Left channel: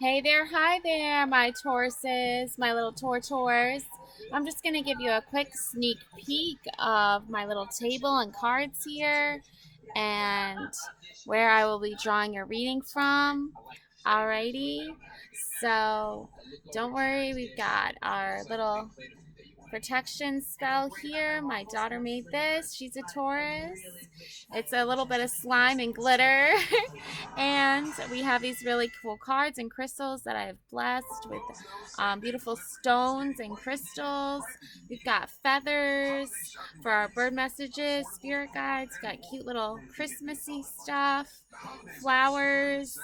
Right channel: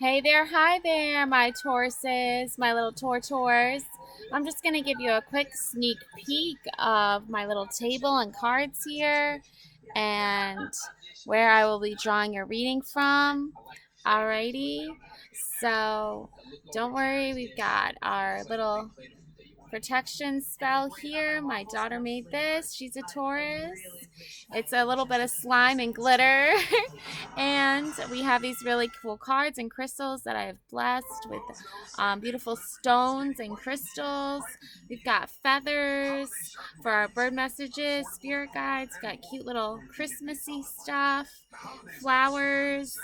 Hey there, hi there, my Tauruses, my little Tortoise. I'm just going to give you a quick sneak peek of my little table and cards here and where I will be drawing your reading from. Alrighty, so don't worry, we've got our little protection spell here. My daughter made this. She's a Taurus. It's a little bit of slime and glitter. And we have these really cool cards and crystals that I have blessed with beautiful stones and crystals. We've got feathers for our bird messages, spirit guides. We've got cute little Christmassy stuff, flowers.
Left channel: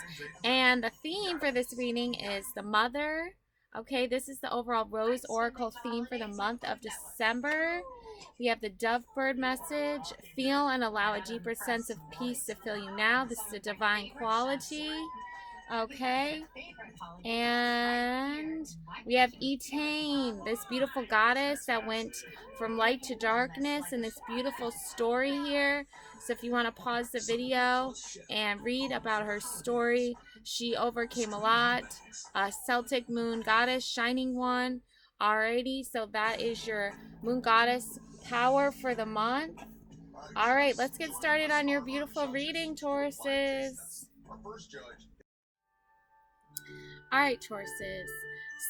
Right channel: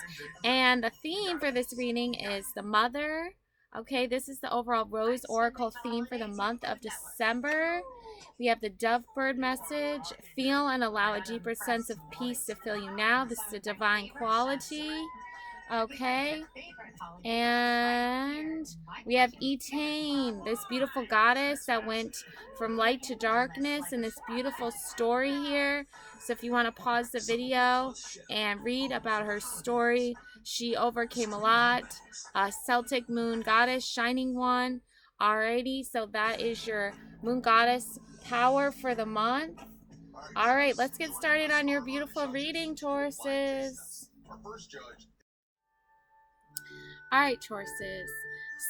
And the theme for this reading is the mother. Okay, this is the overall Rose Oracle theme for the month of December. We have the dove bird message. Feel and allow a deeper sense of peace to fill you now. This is a divine quality. Okay. And we have Etane, this beautiful goddess that went from light to darkness in this beautiful story here. So if you want to pause the video and read about her story, she overcame a lot. Celtic moon goddess, shining one. Alrighty, so that is your moon goddess power for the month. All right, let's get started on your beautiful reading, Tauruses. All right, Tauruses.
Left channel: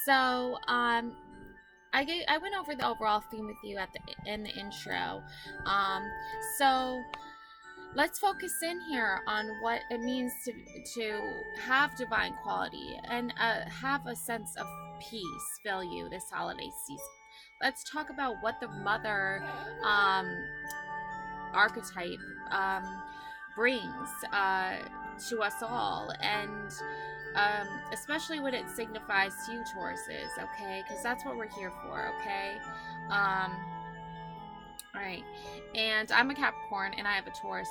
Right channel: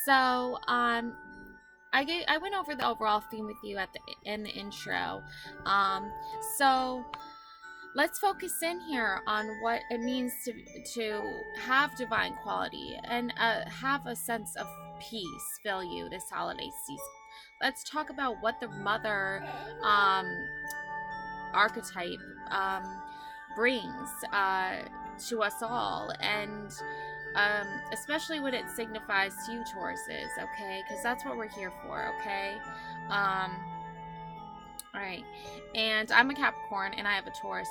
So, I went over the overall theme with you in the intro. Um, so let's focus in here on what it means to have divine quality and have a sense of peace fill you this holiday season. Let's talk about what the mother archetype brings to us all, and especially when it signifies to you, Tauruses, okay? Because that's what we're here for, okay? All right. And I'm a Capricorn, and I have a Taurus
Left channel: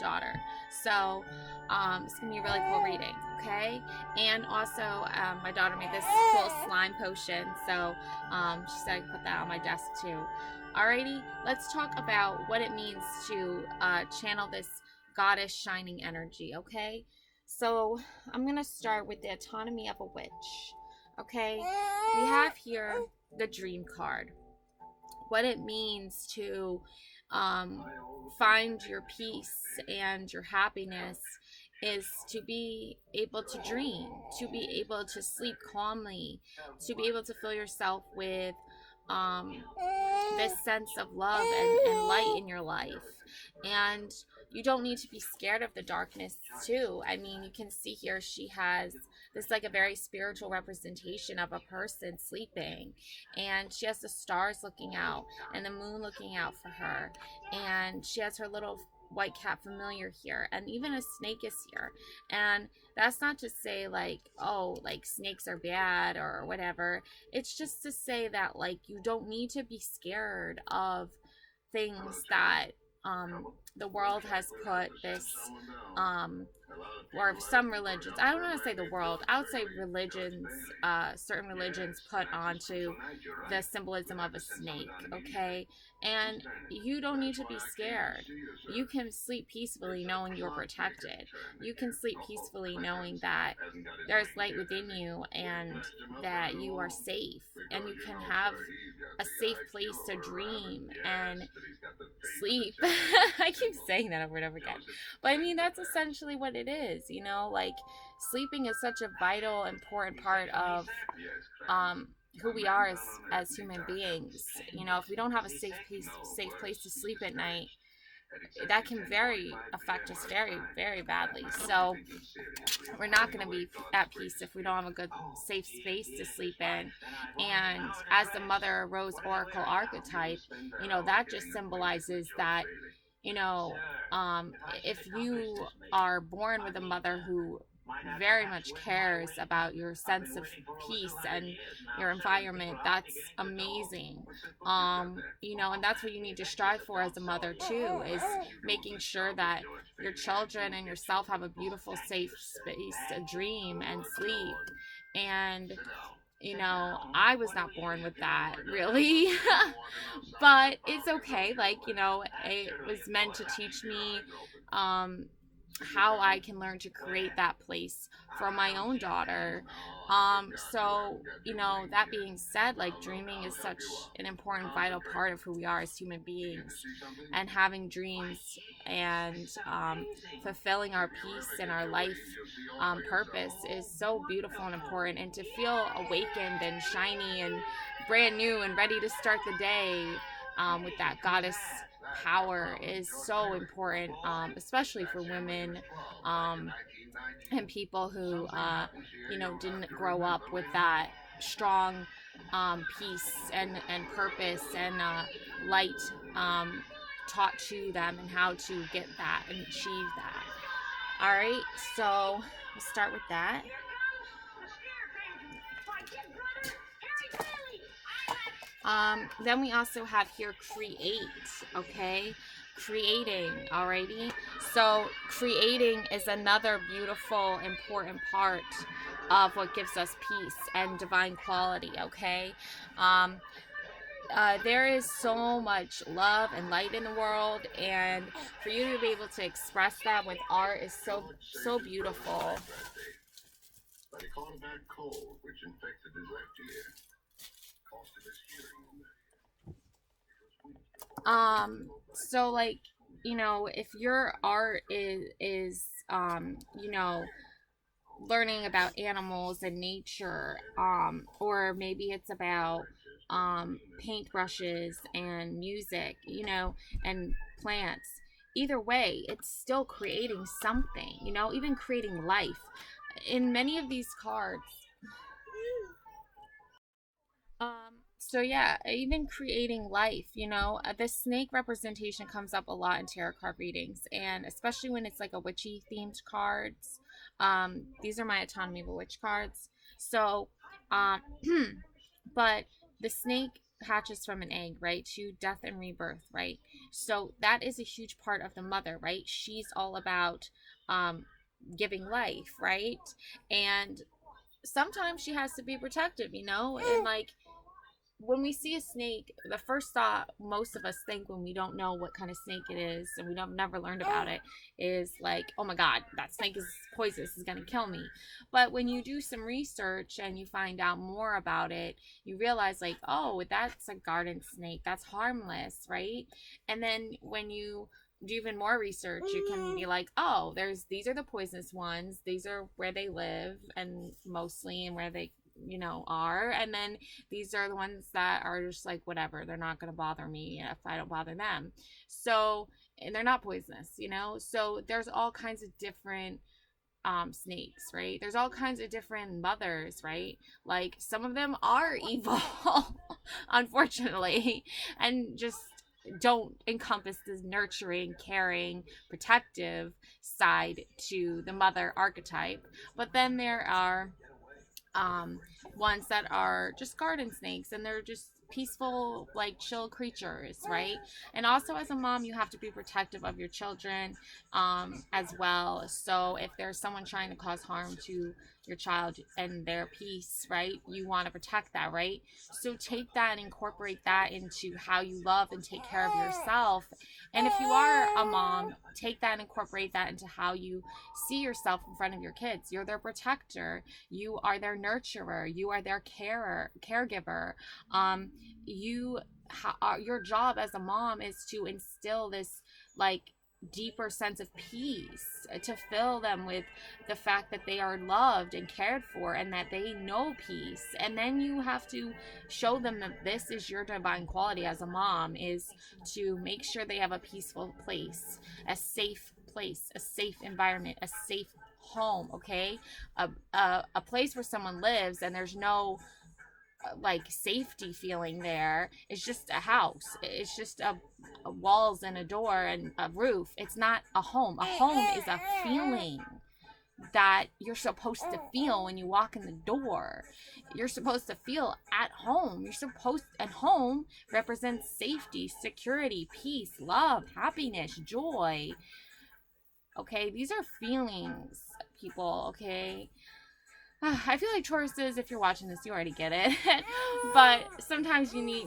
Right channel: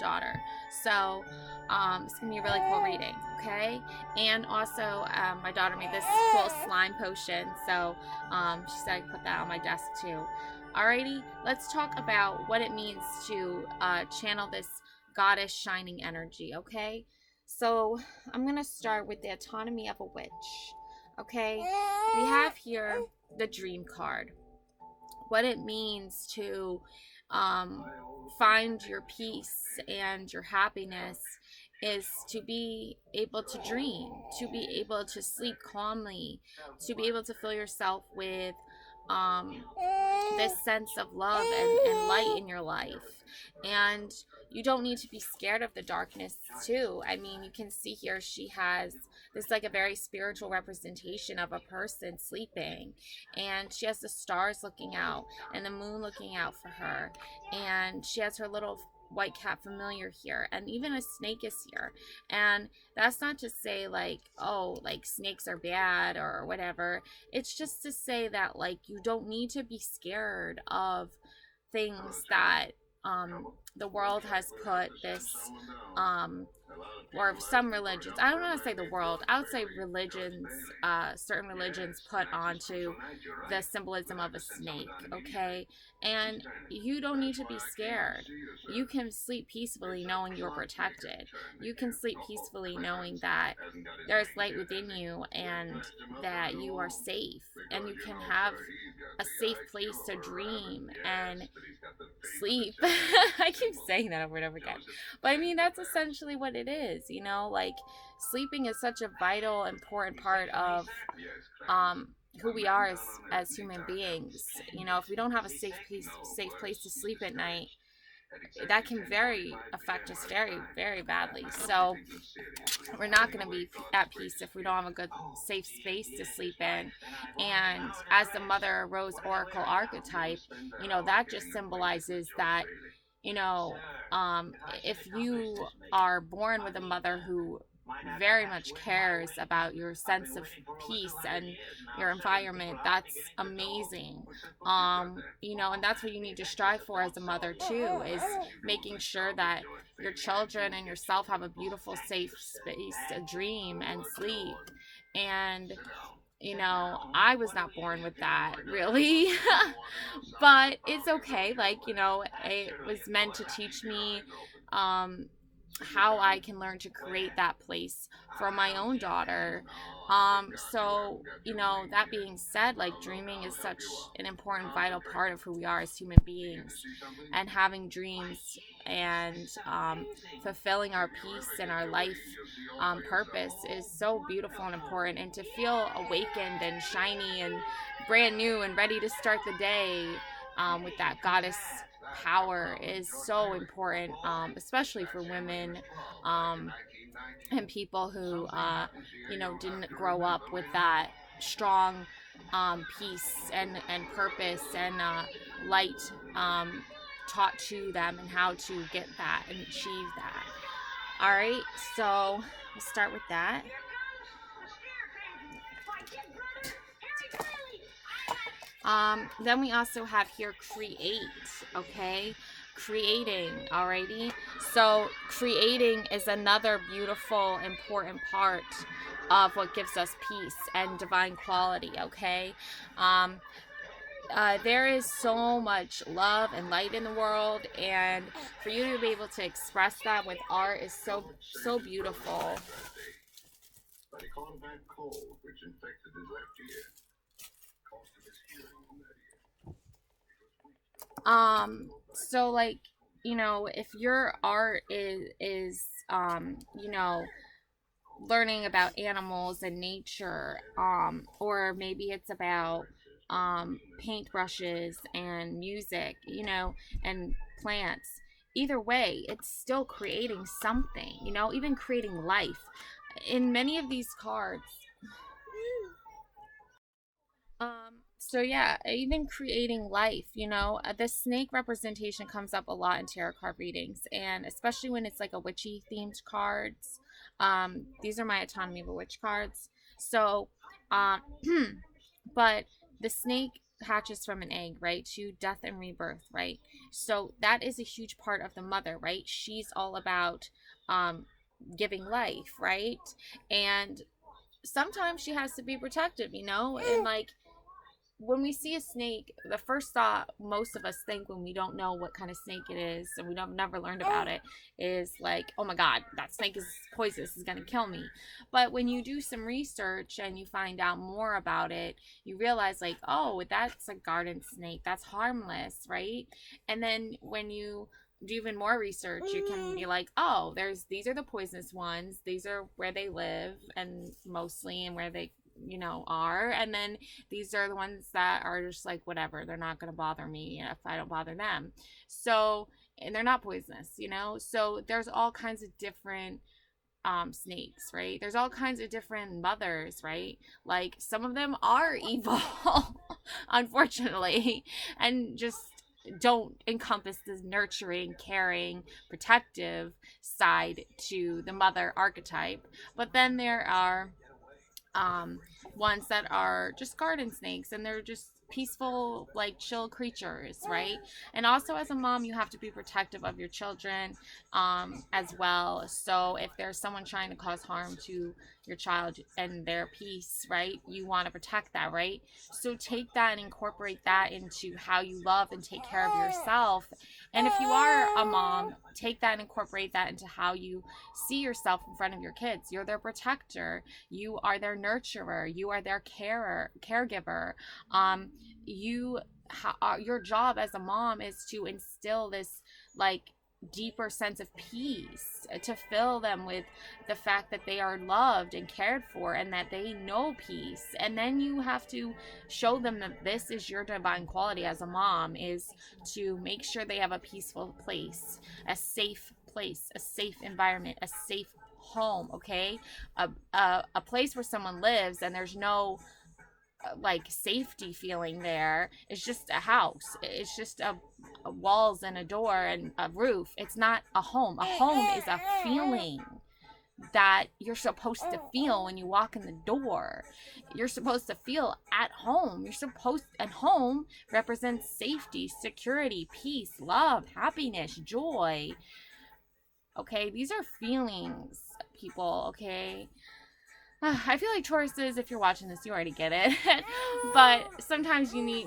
daughter. So it's going to be a really cool reading, okay? And also, my daughter made this cool slime potion, so she said I could put that on my desk too. Alrighty, let's talk about what it means to channel this goddess shining energy, okay? So I'm going to start with the autonomy of a witch, okay? We have here the dream card. What it means to find your peace and your happiness is to be able to dream, to be able to sleep calmly, to be able to fill yourself with this sense of love and light in your life. And you don't need to be scared of the darkness too. I mean, you can see here she has this like a very spiritual representation of a person sleeping, and she has the stars looking out and the moon looking out for her, and she has her little white cat familiar here, and even a snake is here. And that's not to say like, oh, like snakes are bad or whatever. It's just to say that like you don't need to be scared of things that the world has put this or some religions, I don't want to say the world, I would say religions, certain religions put onto the symbolism of a snake, okay? And you don't need to be scared. You can sleep peacefully knowing you're protected. You can sleep peacefully knowing that there's light within you and that you are safe, and you can have a safe place to dream and sleep. I keep saying that over and over again. But I mean, that's essentially what it is, you know? Like, sleeping is such a vital, important part of who we are as human beings. You know, if we don't have a safe place to sleep at night, that can affect us very badly. So we're not going to be at peace if we don't have a good safe space to sleep in. And as the Mother Rose Oracle archetype, you know, that just symbolizes that, you know, if you are born with a mother who very much cares about your sense of peace and your environment, that's amazing. You know, and that's what you need to strive for as a mother too, is making sure that your children and yourself have a beautiful safe space to dream and sleep. And you know, I was not born with that really. But it's okay. Like, you know, it was meant to teach me how I can learn to create that place for my own daughter. So, that being said, like dreaming is such an important, vital part of who we are as human beings. And having dreams and fulfilling our peace and our life purpose is so beautiful and important. And to feel awakened and shiny and brand new and ready to start the day with that goddess power is so important, especially for women and people who, didn't grow up with that strong peace and purpose and light taught to them and how to get that and achieve that. All right, so we'll start with that. Then we also have here create, okay? Creating, alrighty? So creating is another beautiful, important part of what gives us peace and divine quality, okay? There is so much love and light in the world, and for you to be able to express that with art is so beautiful. But he caught a bad cold, which infected his left ear. Cost him his hearing in that ear. So like, if your art is learning about animals and nature, or maybe it's about paintbrushes and music, and plants. Either way, it's still creating something, even creating life. In many of these cards, so yeah, even creating life, the snake representation comes up a lot in tarot card readings, and especially when it's like a witchy themed cards. These are my Autonomy of a Witch cards. So, but the snake hatches from an egg, right? To death and rebirth, right? So that is a huge part of the mother, right? She's all about giving life, right? And sometimes she has to be protective, and like when we see a snake, the first thought most of us think when we don't know what kind of snake it is and we don't never learned about it is like, oh my god, that snake is poisonous, is gonna kill me. But when you do some research and you find out more about it, you realize like, oh, that's a garden snake, that's harmless, right? And then when you do even more research, you can be like, oh, these are the poisonous ones, these are where they live and mostly, and where they are, and then these are the ones that are just like whatever, they're not going to bother me if I don't bother them. So, and they're not poisonous, so there's all kinds of different snakes, right? There's all kinds of different mothers, right? Like some of them are evil unfortunately, and just don't encompass this nurturing, caring, protective side to the mother archetype. But then there are ones that are just garden snakes, and they're just peaceful, like chill creatures, right? And also as a mom, you have to be protective of your children as well. So if there's someone trying to cause harm to your child and their peace, right, you want to protect that, right? So take that and incorporate that into how you love and take care of yourself. And if you are a mom, take that and incorporate that into how you see yourself in front of your kids. You're their protector. You are their nurturer. You are their caregiver. Your job as a mom is to instill this like deeper sense of peace, to fill them with the fact that they are loved and cared for and that they know peace. And then you have to show them that this is your divine quality as a mom, is to make sure they have a peaceful place, a safe place, a safe environment, a safe home, okay? A place where someone lives and there's no like safety feeling there. It's just a house. It's just a walls and a door and a roof. It's not a home. A home is a feeling that you're supposed to feel when you walk in the door. You're supposed to feel at home. And home represents safety, security, peace, love, happiness, joy. Okay, these are feelings, people, okay? I feel like Tauruses, if you're watching this, you already get it. But sometimes you need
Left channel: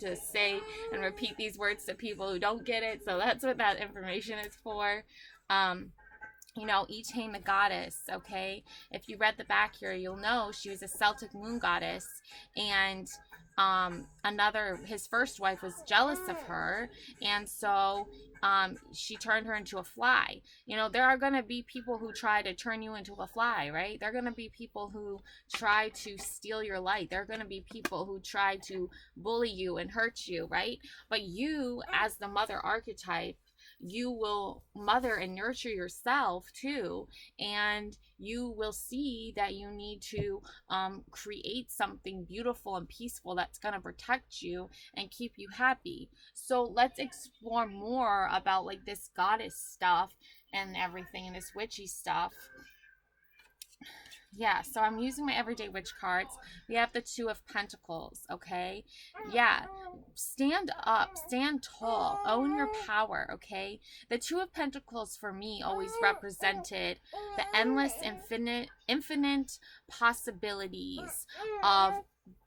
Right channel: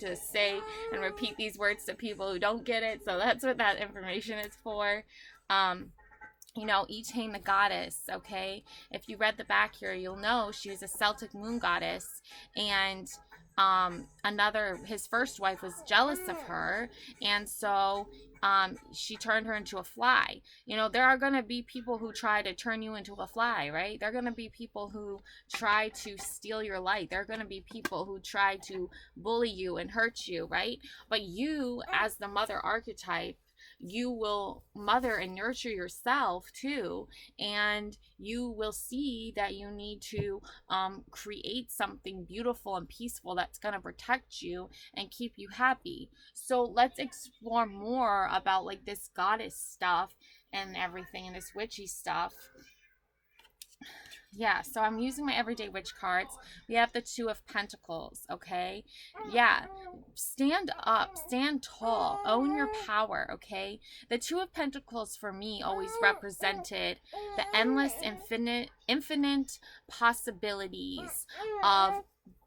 to say and repeat these words to people who don't get it. So that's what that information is for. Um, you know, Etain the goddess, okay? If you read the back here, you'll know she was a Celtic moon goddess, and his first wife was jealous of her, and so she turned her into a fly. You know, there are going to be people who try to turn you into a fly, right? There are going to be people who try to steal your light. There are going to be people who try to bully you and hurt you, right? But you, as the mother archetype, you will mother and nurture yourself too, and you will see that you need to create something beautiful and peaceful that's going to protect you and keep you happy. So let's explore more about like this goddess stuff and everything and this witchy stuff. Yeah, so I'm using my everyday witch cards. We have the Two of Pentacles, okay? Yeah, stand up, stand tall, own your power, okay? The Two of Pentacles for me always represented the endless, infinite possibilities of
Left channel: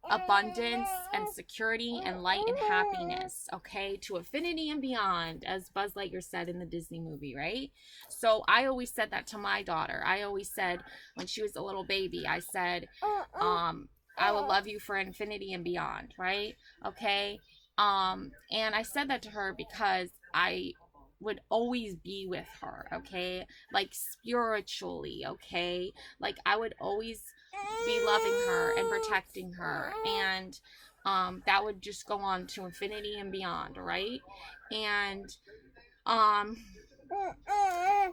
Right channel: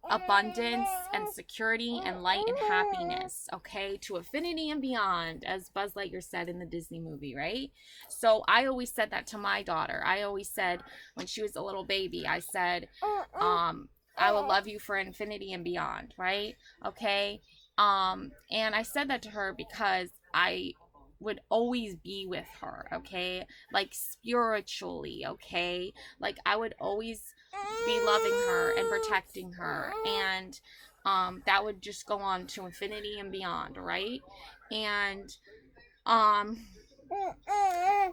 abundance and security and light and happiness, okay, to infinity and beyond, as Buzz Lightyear said in the Disney movie, right? So I always said that to my daughter. I always said, when she was a little baby, I said, I will love you for infinity and beyond, right? Okay. And I said that to her because I would always be with her, okay, like spiritually, okay, like I would always be loving her and protecting her, and that would just go on to infinity and beyond, right? And um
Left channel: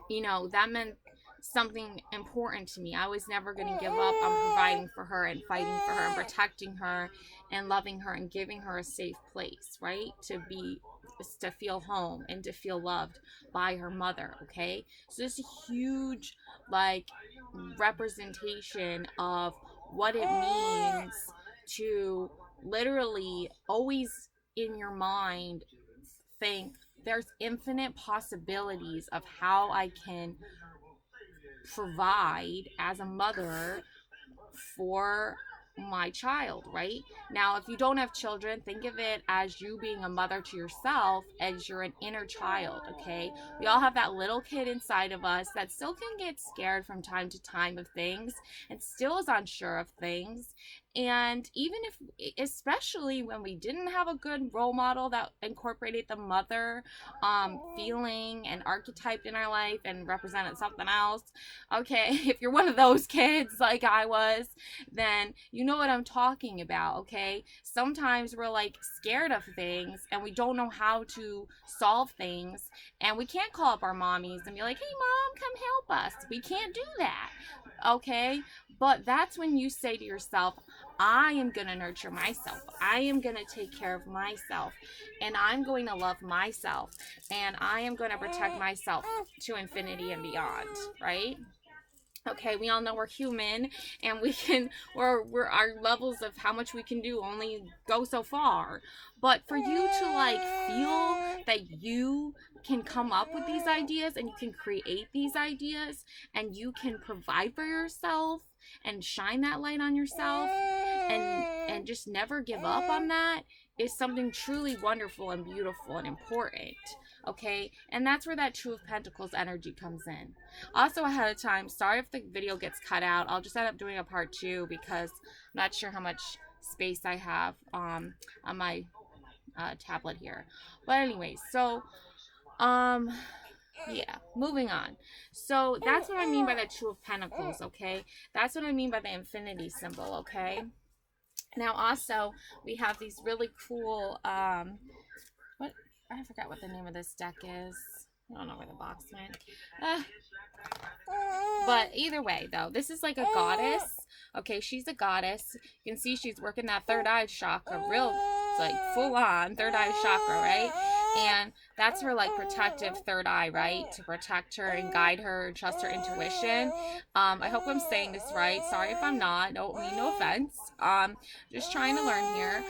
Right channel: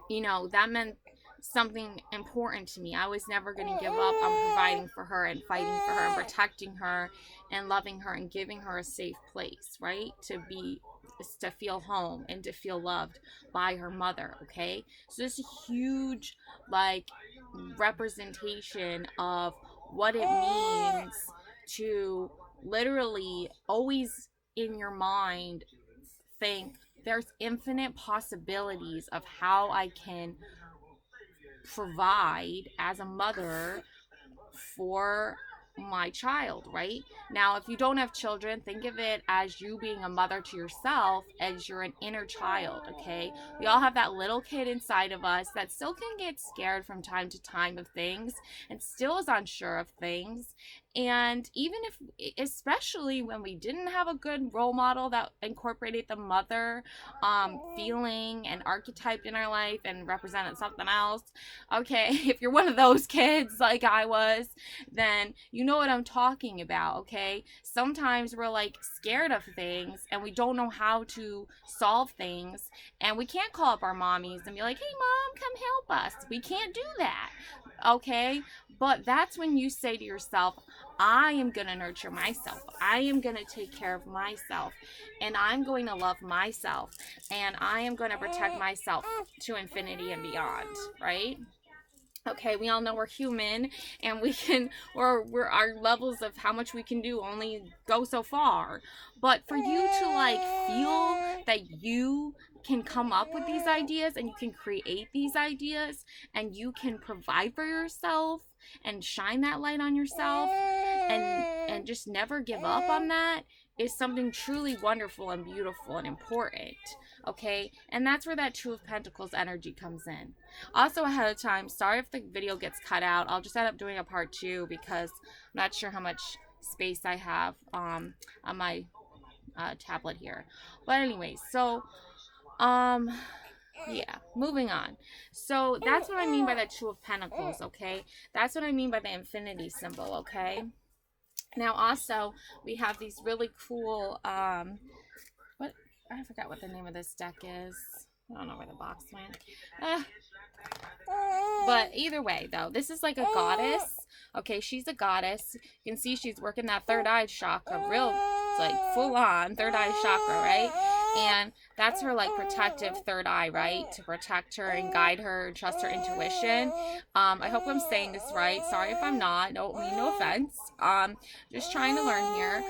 you know, that meant something important to me. I was never going to give up on providing for her and fighting for her and protecting her and loving her and giving her a safe place, right? To feel home and to feel loved by her mother, okay? So this is a huge, like, representation of what it means to literally always in your mind think there's infinite possibilities of how I can provide as a mother for my child, right? Now, if you don't have children, think of it as you being a mother to yourself, as you're an inner child, okay? We all have that little kid inside of us that still can get scared from time to time of things and still is unsure of things. And even if, especially when we didn't have a good role model that incorporated the mother feeling and archetype in our life and represented something else, okay, if you're one of those kids like I was, then you know what I'm talking about, okay? Sometimes we're like scared of things and we don't know how to solve things, and we can't call up our mommies and be like, hey mom, come help us. We can't do that, okay? But that's when you say to yourself, I am going to nurture myself. I am going to take care of myself. And I'm going to love myself. And I am going to protect myself to infinity and beyond, right? Okay, we all know we're human, and we're our levels of how much we can do only go so far. But for you to like feel that you can come up with these ideas and you can create these ideas and you can provide for yourself and shine that light on yourself and just never give up on that is something truly wonderful and beautiful and important. Okay, and that's where that Two of Pentacles energy comes in. Also, ahead of time, sorry if the video gets cut out. I'll just end up doing a part 2 because I'm not sure how much space I have on my tablet here. But anyway, so yeah, moving on. So that's what I mean by the Two of Pentacles, okay? That's what I mean by the infinity symbol, okay? Now also, we have these really cool, what, I forgot what the name of this deck is. I don't know where the box went. But either way, though, this is like a goddess. Okay, she's a goddess. You can see she's working that third eye chakra, real, like full on third eye chakra, right? And that's her like protective third eye, right? To protect her and guide her and trust her intuition. I hope I'm saying this right. Sorry if I'm not. Don't mean no offense. Just trying to learn here.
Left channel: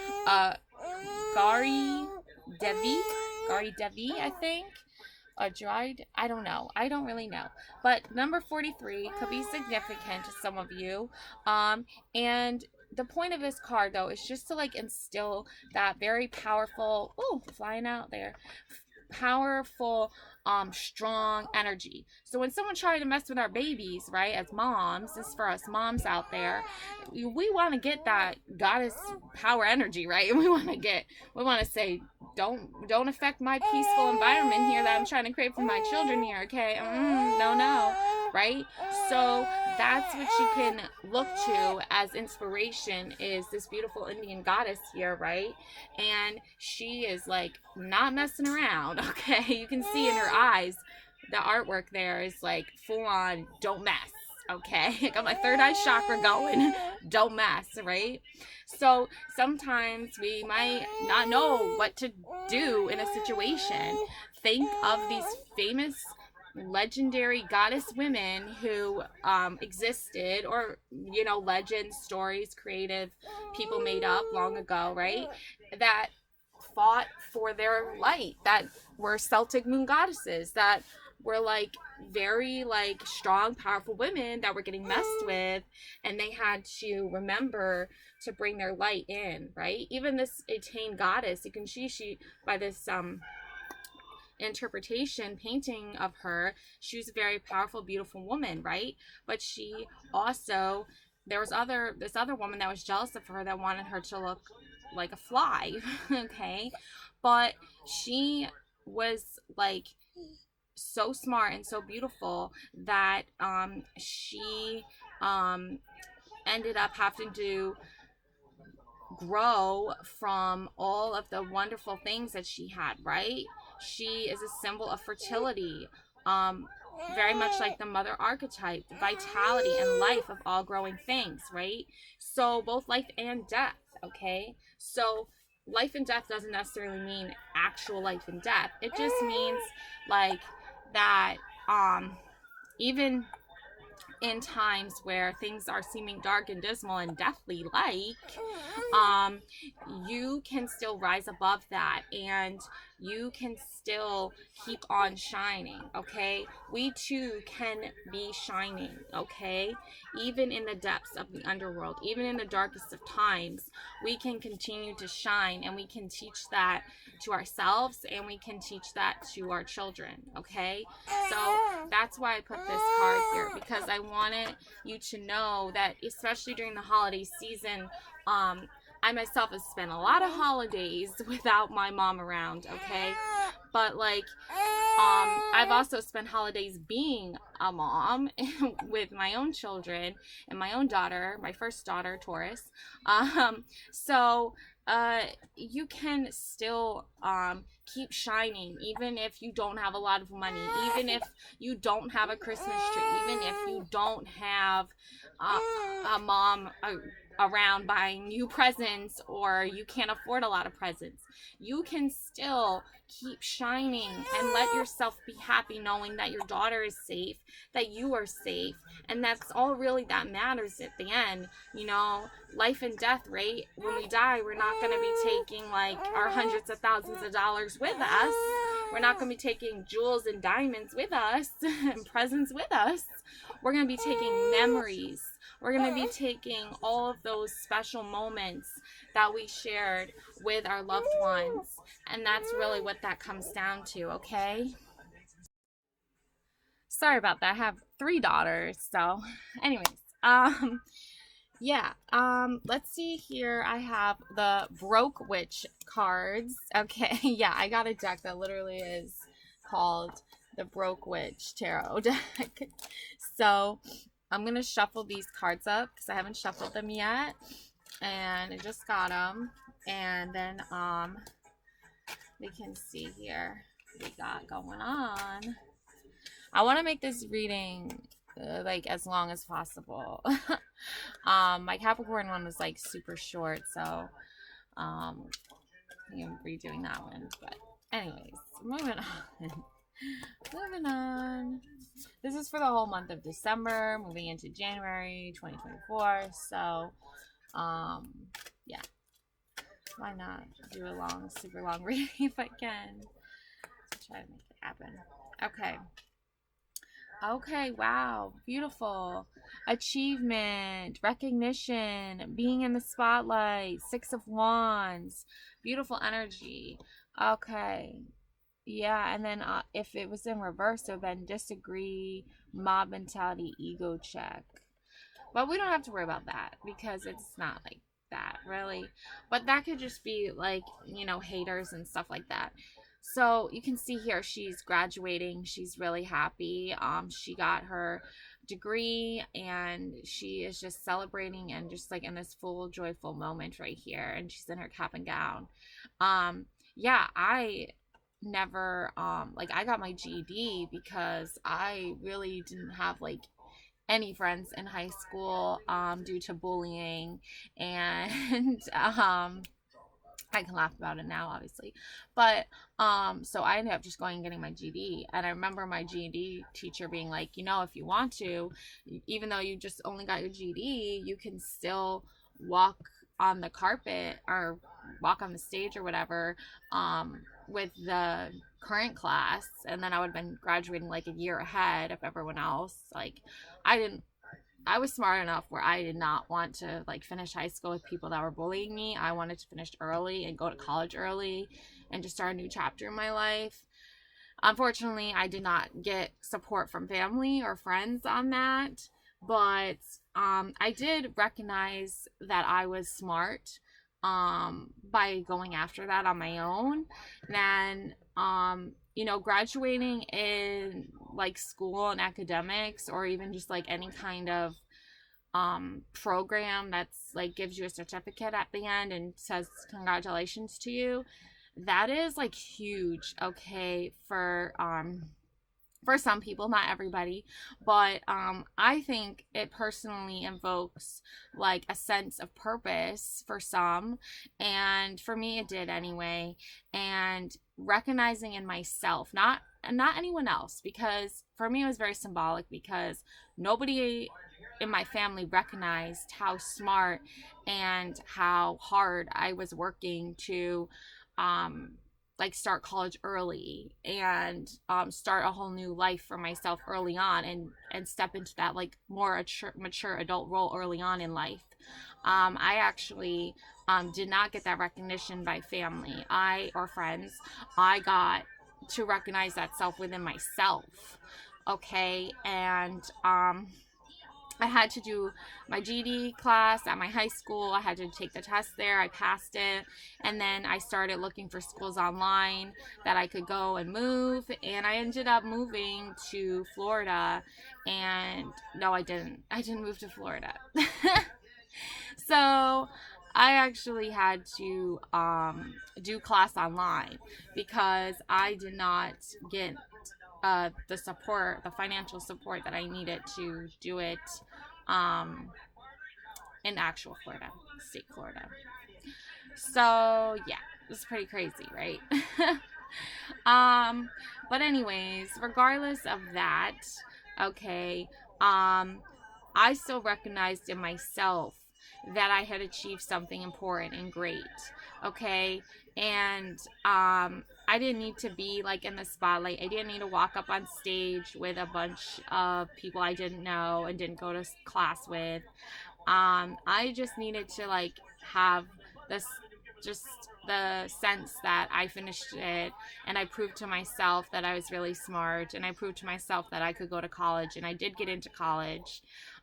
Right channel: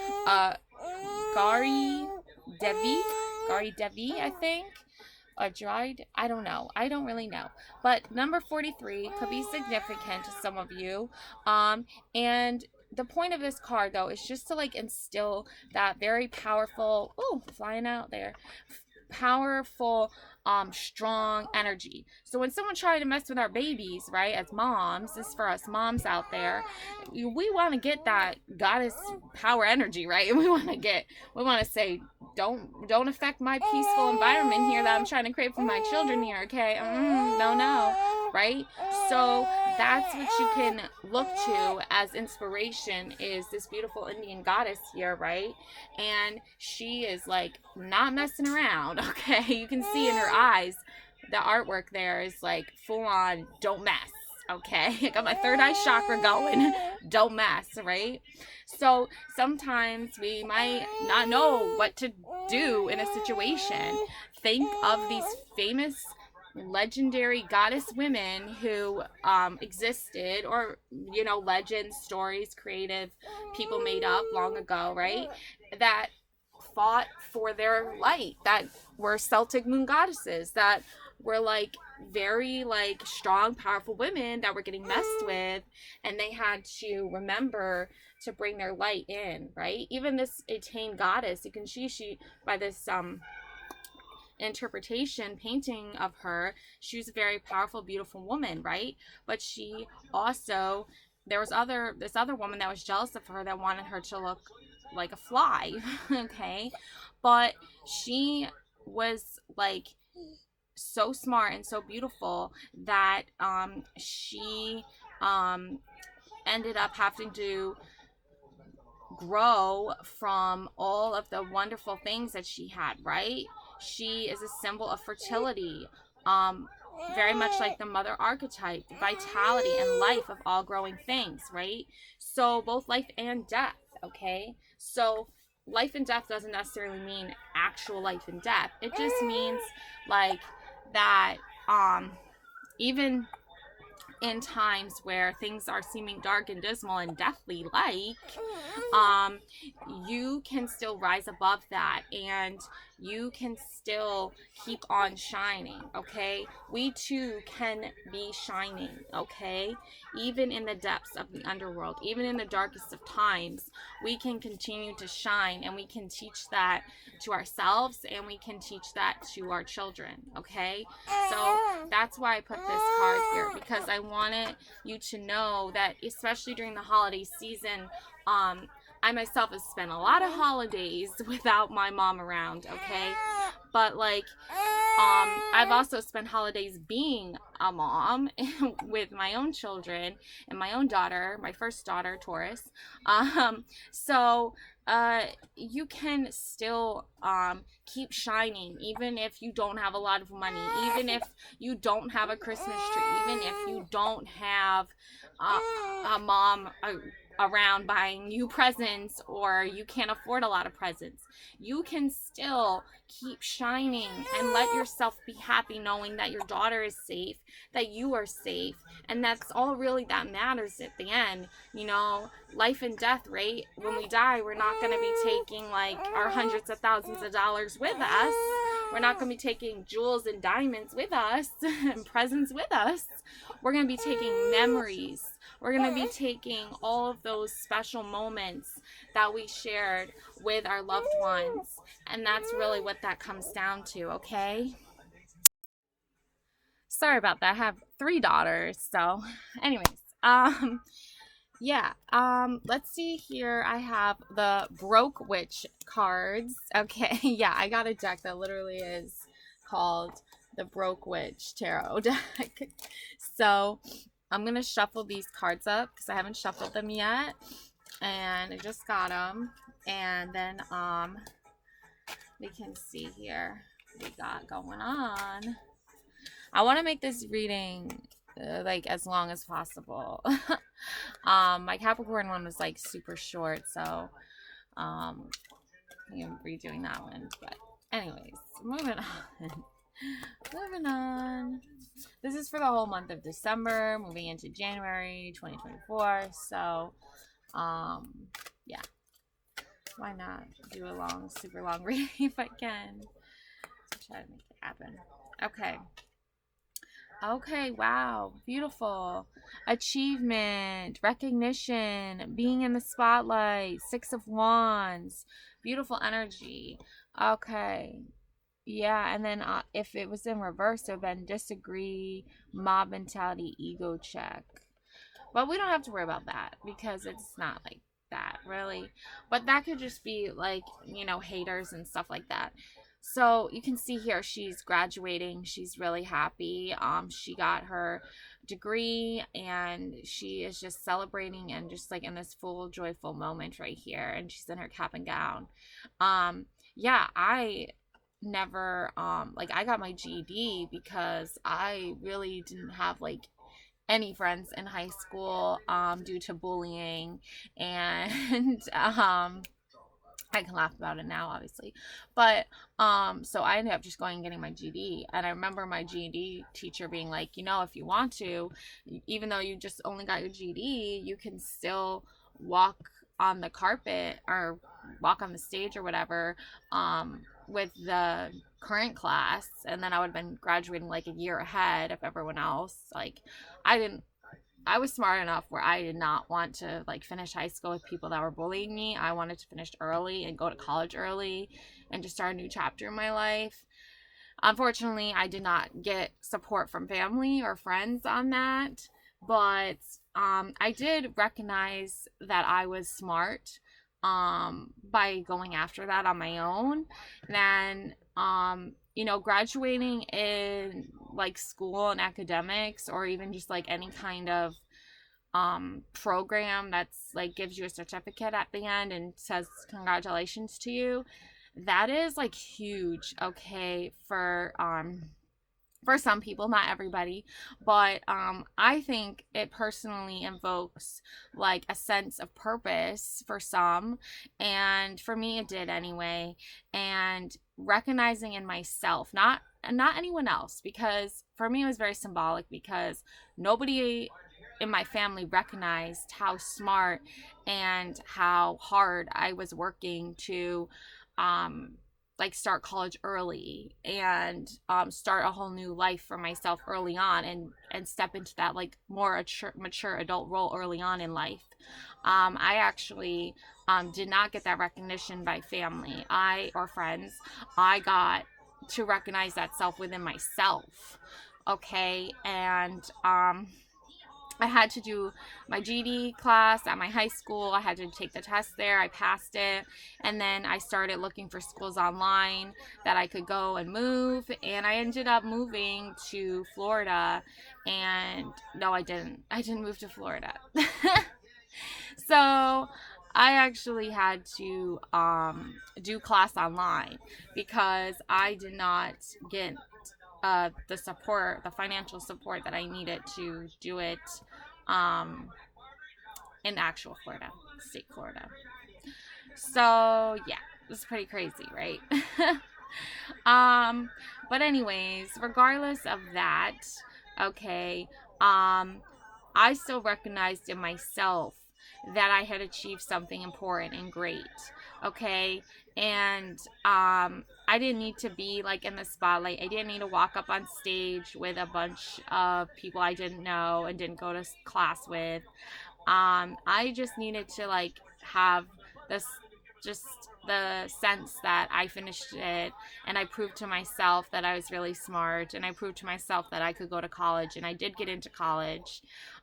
Gari Devi, I think. Dried, I don't know. I don't really know. But number 43 could be significant to some of you. And the point of this card, though, is just to like instill that very powerful, oh, flying out there, powerful strong energy. So when someone tries to mess with our babies, right, as moms, this is for us moms out there, we want to get that goddess power energy, right? We want to say, don't affect my peaceful environment here that I'm trying to create for my children here, okay? No, right? So that's what you can look to as inspiration, is this beautiful Indian goddess here, right? And she is like not messing around, okay? You can see in her eyes, the artwork there is like full on don't mess, okay? I got my third eye chakra going. Don't mess, right? So sometimes we might not know what to do in a situation. Think of these famous legendary goddess women who existed, or legends, stories, creative people made up long ago, right, that fought for their light, that were Celtic moon goddesses, that were like very like strong, powerful women that were getting messed with, and they had to remember to bring their light in, right? Even this Etain goddess, you can see she by this interpretation painting of her, she was a very powerful, beautiful woman, right? But she also, there was this other woman that was jealous of her, that wanted her to look like a fly. Okay, but she was like so smart and so beautiful that she ended up having to grow from all of the wonderful things that she had, right? She is a symbol of fertility, very much like the mother archetype, vitality and life of all growing things, right? So both life and death, okay? So life and death doesn't necessarily mean actual life and death. It just means like that even in times where things are seeming dark and dismal and deathly like, you can still rise above that, and you can still keep on shining, okay? We too can be shining, okay? Even in the depths of the underworld, even in the darkest of times, we can continue to shine, and we can teach that to ourselves, and we can teach that to our children, okay? So that's why I put this card here, because I wanted you to know that, especially during the holiday season, I myself have spent a lot of holidays without my mom around, okay? But like, I've also spent holidays being a mom with my own children and my own daughter, my first daughter, Taurus. So you can still keep shining, even if you don't have a lot of money, even if you don't have a Christmas tree, even if you don't have a mom around buying you presents, or you can't afford a lot of presents. You can still keep shining and let yourself be happy, knowing that your daughter is safe, that you are safe, and that's all really that matters at the end. Life and death, right? When we die, we're not going to be taking like our hundreds of thousands of dollars with us. We're not going to be taking jewels and diamonds with us and presents with us. We're going to be taking memories. We're going to be taking all of those special moments that we shared with our loved ones. And that's really what that comes down to, okay? Sorry about that. I have 3 daughters. So, anyways, yeah, let's see here. I have the Broke Witch cards. Okay, yeah, I got a deck that literally is called the Broke Witch Tarot deck. So, I'm going to shuffle these cards up because I haven't shuffled them yet. And I just got them. And then, we can see here what we got going on. I want to make this reading like as long as possible. My Capricorn one was like super short, so I'm redoing that one. But anyways, moving on. This is for the whole month of December, moving into January 2024. So yeah, why not do a super long reading if I can? Try to make it happen. Okay, wow, beautiful. Achievement, recognition, being in the spotlight, 6 of Wands, beautiful energy. Okay, Yeah, and then if it was in reverse, it would have been disagree, mob mentality, ego check. But we don't have to worry about that because it's not like that really. But that could just be like, haters and stuff like that. So you can see here she's graduating. She's really happy. She got her degree and she is just celebrating and just like in this full joyful moment right here. And she's in her cap and gown. Um, yeah, I never like I got my GED because I really didn't have like any friends in high school due to bullying and I can laugh about it now obviously, but so I ended up just going and getting my GED. And I remember my GED teacher being like, if you want to, even though you just only got your GED, you can still walk on the carpet or walk on the stage or whatever with the current class. And then I would have been graduating like a year ahead of everyone else. Like I didn't I was smart enough where I did not want to like finish high school with people that were bullying me. I wanted to finish early and go to college early and just start a new chapter in my life. Unfortunately, I did not get support from family or friends on that, but I did recognize that I was smart by going after that on my own. And graduating in like school and academics or even just like any kind of program that's like gives you a certificate at the end and says congratulations to you, that is like huge, okay, for some people, not everybody, but I think it personally invokes like a sense of purpose for some, and for me it did anyway. And recognizing in myself, not anyone else, because for me it was very symbolic because nobody in my family recognized how smart and how hard I was working to um like start college early and start a whole new life for myself early on, and step into that like more mature adult role early on in life. I actually did not get that recognition by family I or friends. I got to recognize that self within myself, okay. And I had to do my GD class at my high school. I had to take the test there. I passed it. And then I started looking for schools online that I could go and move. And I ended up moving to Florida. And no, I didn't. I didn't move to Florida. So I actually had to do class online because I did not get the support, the financial support that I needed to do it um, in actual Florida, state Florida. So yeah, it's pretty crazy, right? um, but anyways, regardless of that, okay, I still recognized in myself that I had achieved something important and great, okay? And I didn't need to be like in the spotlight. I didn't need to walk up on stage with a bunch of people I didn't know and didn't go to class with. I just needed to like have this, just the sense that I finished it and I proved to myself that I was really smart, and I proved to myself that I could go to college, and I did get into college.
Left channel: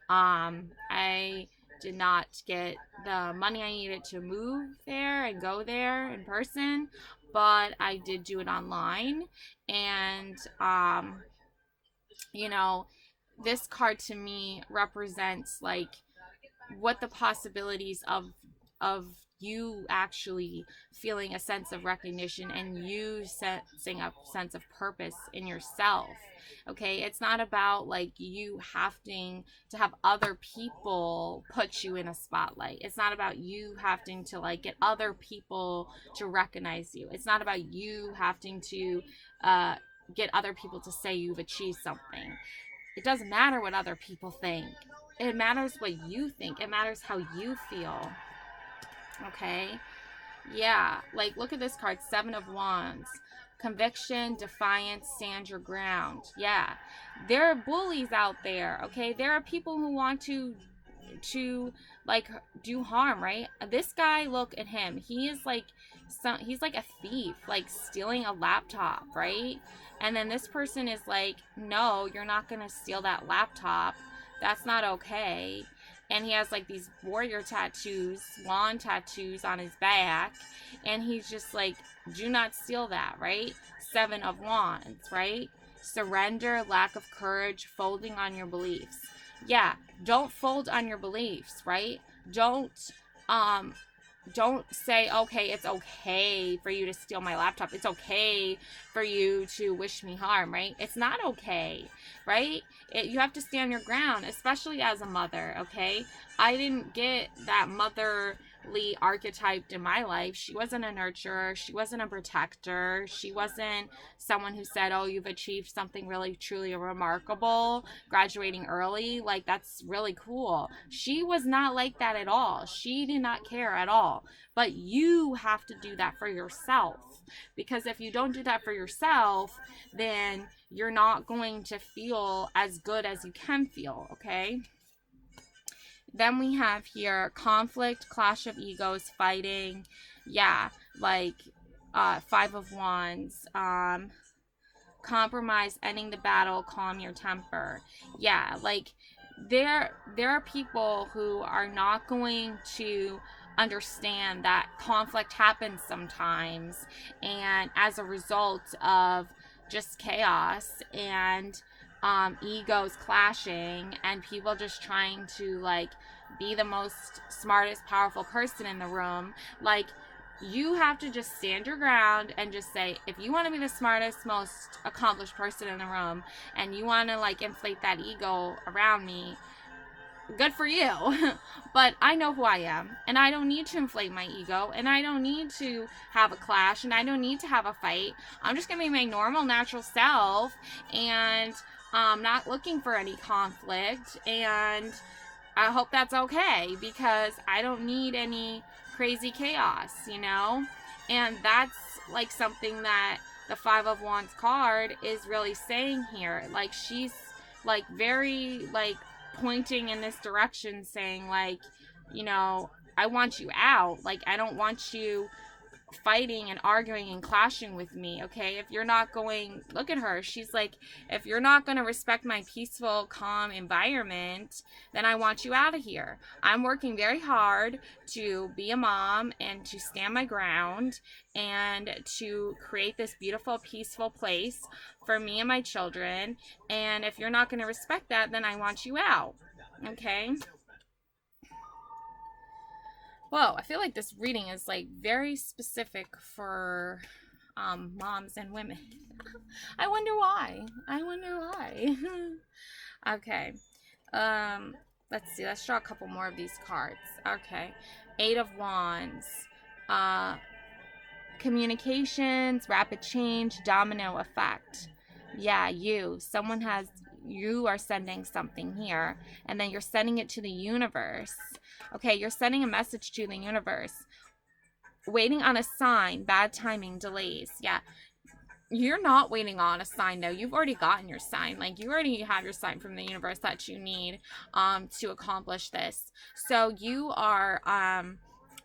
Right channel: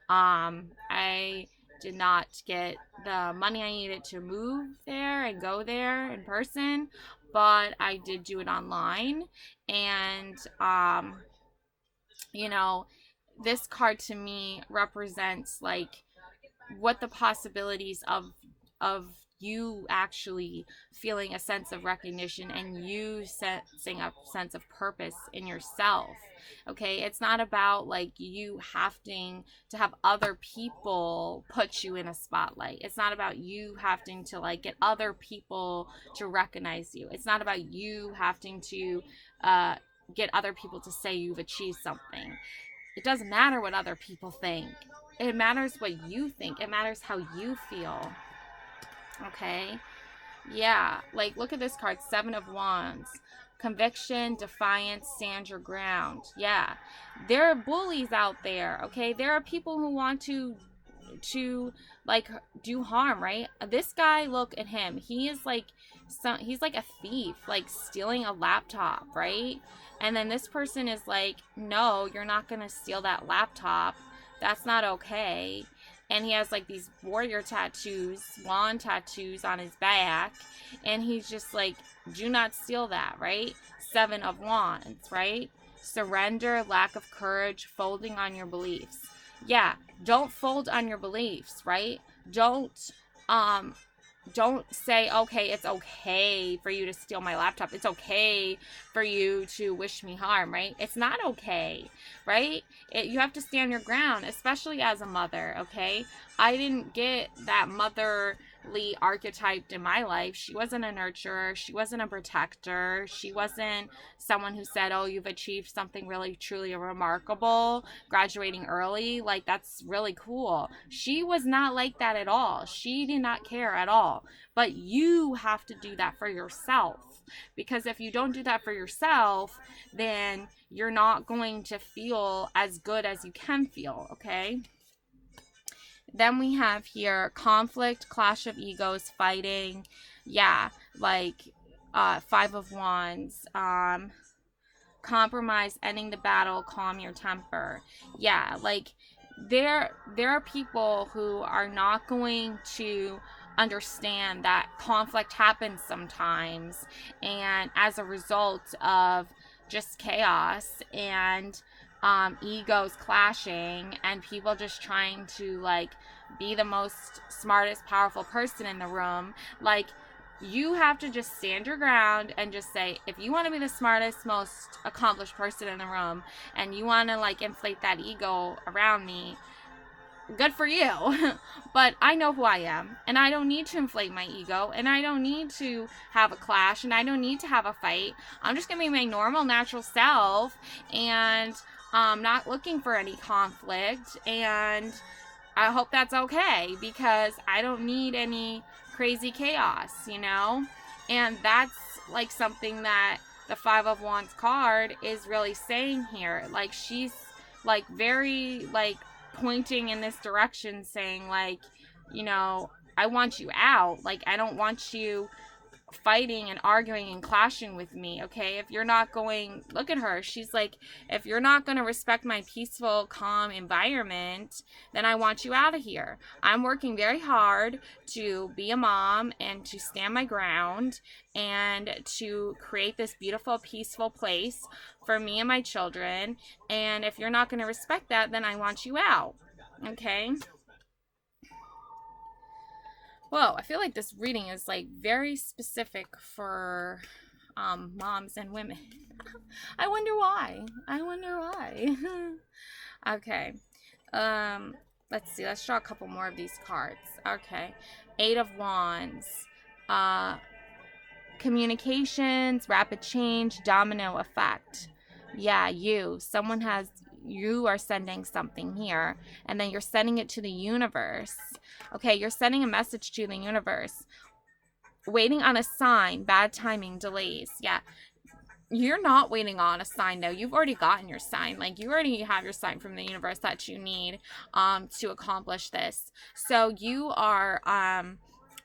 I did not get the money I needed to move there and go there in person, but I did do it online. And you know, this card to me represents like what the possibilities of you actually feeling a sense of recognition and you sensing a sense of purpose in yourself. Okay, it's not about like you having to have other people put you in a spotlight. It's not about you having to like get other people to recognize you. It's not about you having to uh, get other people to say you've achieved something. It doesn't matter what other people think. It matters what you think. It matters how you feel. Okay? Yeah. Like, look at this card, Seven of Wands. Conviction, defiance, stand your ground. Yeah. There are bullies out there, okay? There are people who want to like do harm, right? This guy, look at him. He is like he's like a thief, like stealing a laptop, right? And then this person is like, no, you're not gonna steal that laptop. That's not okay. And he has like these warrior tattoos, swan tattoos on his back. And he's just like, do not steal that, right? Seven of Wands, right? Surrender, lack of courage, folding on your beliefs. Yeah, don't fold on your beliefs, right? Don't um don't say, okay, it's okay for you to steal my laptop. It's okay for you to wish me harm, right? It's not okay, right? You have to stand your ground, especially as a mother, okay? I didn't get that motherly archetyped in my life. She wasn't a nurturer. She wasn't a protector. She wasn't someone who said, oh, you've achieved something really, truly remarkable, graduating early. Like, that's really cool. She was not like that at all. She did not care at all. But you have to do that for yourself. Because if you don't do that for yourself, then you're not going to feel as good as you can feel, okay? Then we have here conflict, clash of egos, fighting. Yeah, like Five of Wands. Compromise, ending the battle, calm your temper. Yeah, like there are people who are not going to understand that conflict happens sometimes, and as a result of just chaos and egos clashing and people just trying to like be the most smartest powerful person in the room, like you have to just stand your ground and just say, if you want to be the smartest, most accomplished person in the room and you want to like inflate that ego around me, good for you. But I know who I am, and I don't need to inflate my ego, and I don't need to have a clash, and I don't need to have a fight. I'm just gonna be my normal, natural self, and not looking for any conflict. And I hope that's okay, because I don't need any crazy chaos, you know? And that's like something that the Five of Wands card is really saying here. Like, she's like very like pointing in this direction, saying like, you know, I want you out. Like, I don't want you fighting and arguing and clashing with me, okay? If you're not going, look at her, she's like, if you're not going to respect my peaceful, calm environment, then I want you out of here. I'm working very hard to be a mom and to stand my ground and to create this beautiful, peaceful place for me and my children, and if you're not going to respect that, then I want you out, okay? Whoa, I feel like this reading is like very specific for moms and women. I wonder why. Okay. Let's see. Let's draw a couple more of these cards. Okay. Eight of Wands. Communications, rapid change, domino effect. Yeah, you are sending something here, and then you're sending it to the universe. Okay, you're sending a message to the universe. Waiting on a sign, bad timing, delays. Yeah, you're not waiting on a sign though. You've already gotten your sign. Like, you already have your sign from the universe that you need to accomplish this. So you are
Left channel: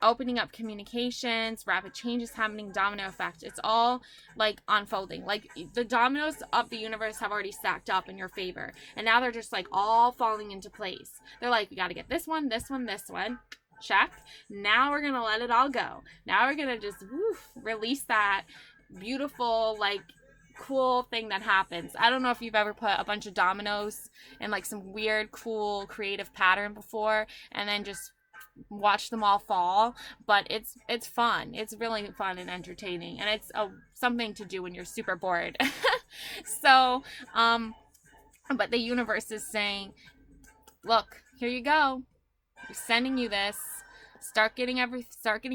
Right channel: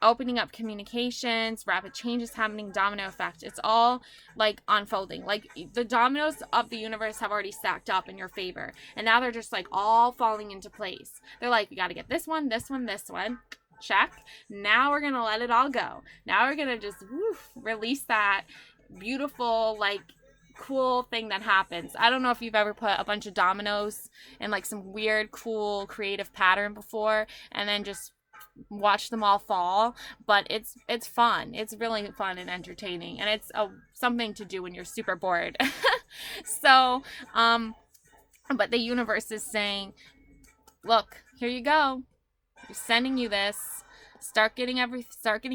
opening up communications, rapid changes happening, domino effect. It's all like unfolding. Like, the dominoes of the universe have already stacked up in your favor, and now they're just like all falling into place. They're like, we got to get this one, this one, this one. Check. Now we're gonna let it all go. Now we're gonna just release that beautiful, like, cool thing that happens. I don't know if you've ever put a bunch of dominoes in like some weird, cool, creative pattern before, and then just watch them all fall, but it's fun. It's really fun and entertaining, and it's something to do when you're super bored. So but the universe is saying, look, here you go, we're sending you this. Start getting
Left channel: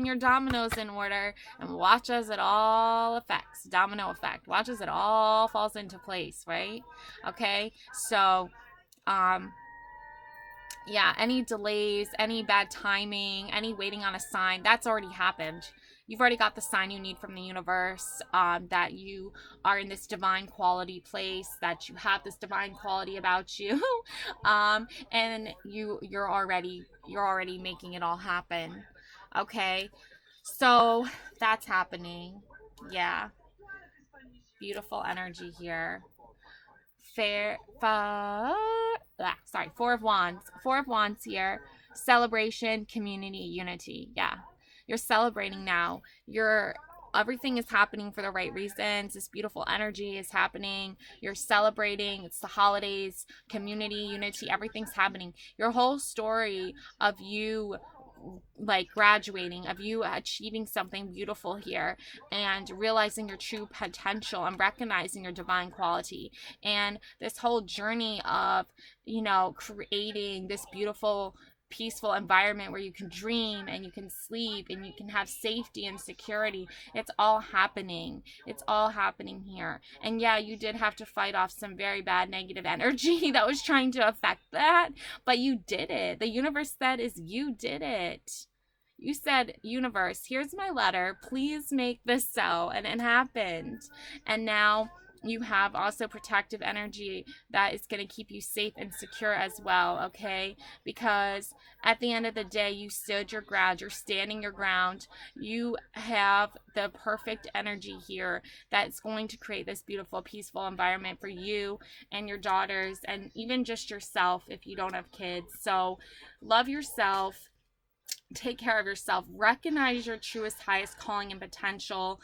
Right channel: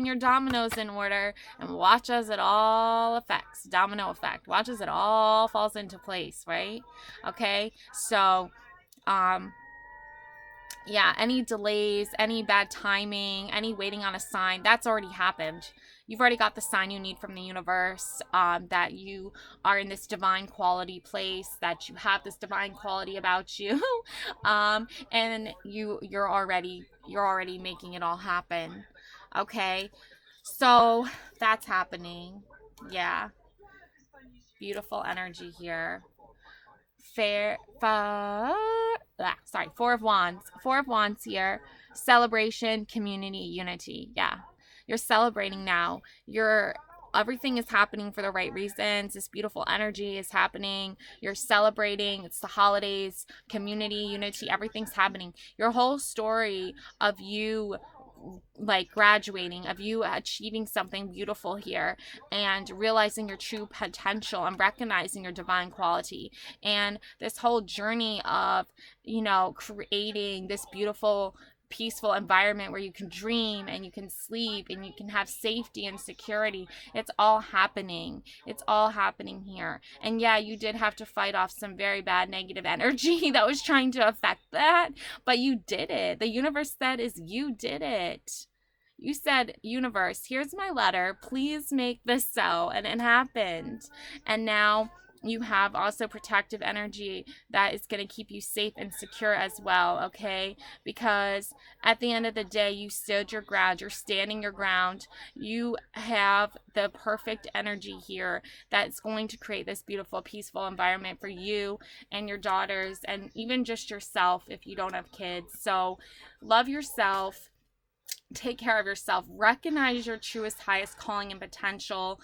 your dominoes in order, and watch as it all affects. Domino effect. Watch as it all falls into place, right? Okay, so yeah, any delays, any bad timing, any waiting on a sign, that's already happened. You've already got the sign you need from the universe, that you are in this divine quality place, that you have this divine quality about you, and you're already making it all happen. Okay, So that's happening. Yeah, beautiful energy here. Fair, sorry, Four of Wands. Four of Wands here. Celebration, community, unity. Yeah, you're celebrating now. You're Everything is happening for the right reasons. This beautiful energy is happening. You're celebrating. It's the holidays, community, unity. Everything's happening. Your whole story of you like graduating, of you achieving something beautiful here and realizing your true potential and recognizing your divine quality, and this whole journey of creating this beautiful peaceful environment where you can dream and you can sleep and you can have safety and security. It's all happening here. And yeah, you did have to fight off some very bad negative energy that was trying to affect that, but you did it. The universe said is you did it. You said, universe, here's my letter, please make this so, and it happened. And now you have also protective energy that is going to keep you safe and secure as well, okay? Because at the end of the day, you stood your ground, you're standing your ground. You have the perfect energy here that's going to create this beautiful peaceful environment for you and your daughters, and even just yourself if you don't have kids. So love yourself, take care of yourself, recognize your truest highest calling and potential.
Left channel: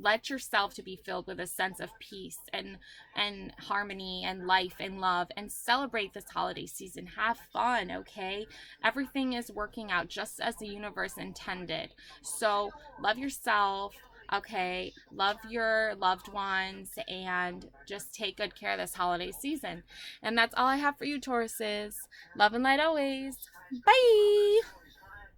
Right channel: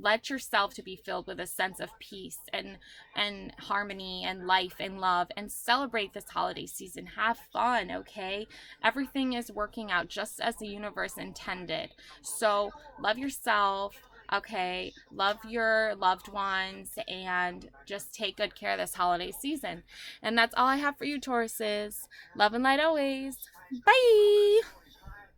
Let yourself to be filled with a sense of peace and harmony and life and love, and celebrate this holiday season. Have fun, okay? Everything is working out just as the universe intended. So love yourself, okay? Love your loved ones, and just take good care of this holiday season. And that's all I have for you, Tauruses. Love and light always. Bye.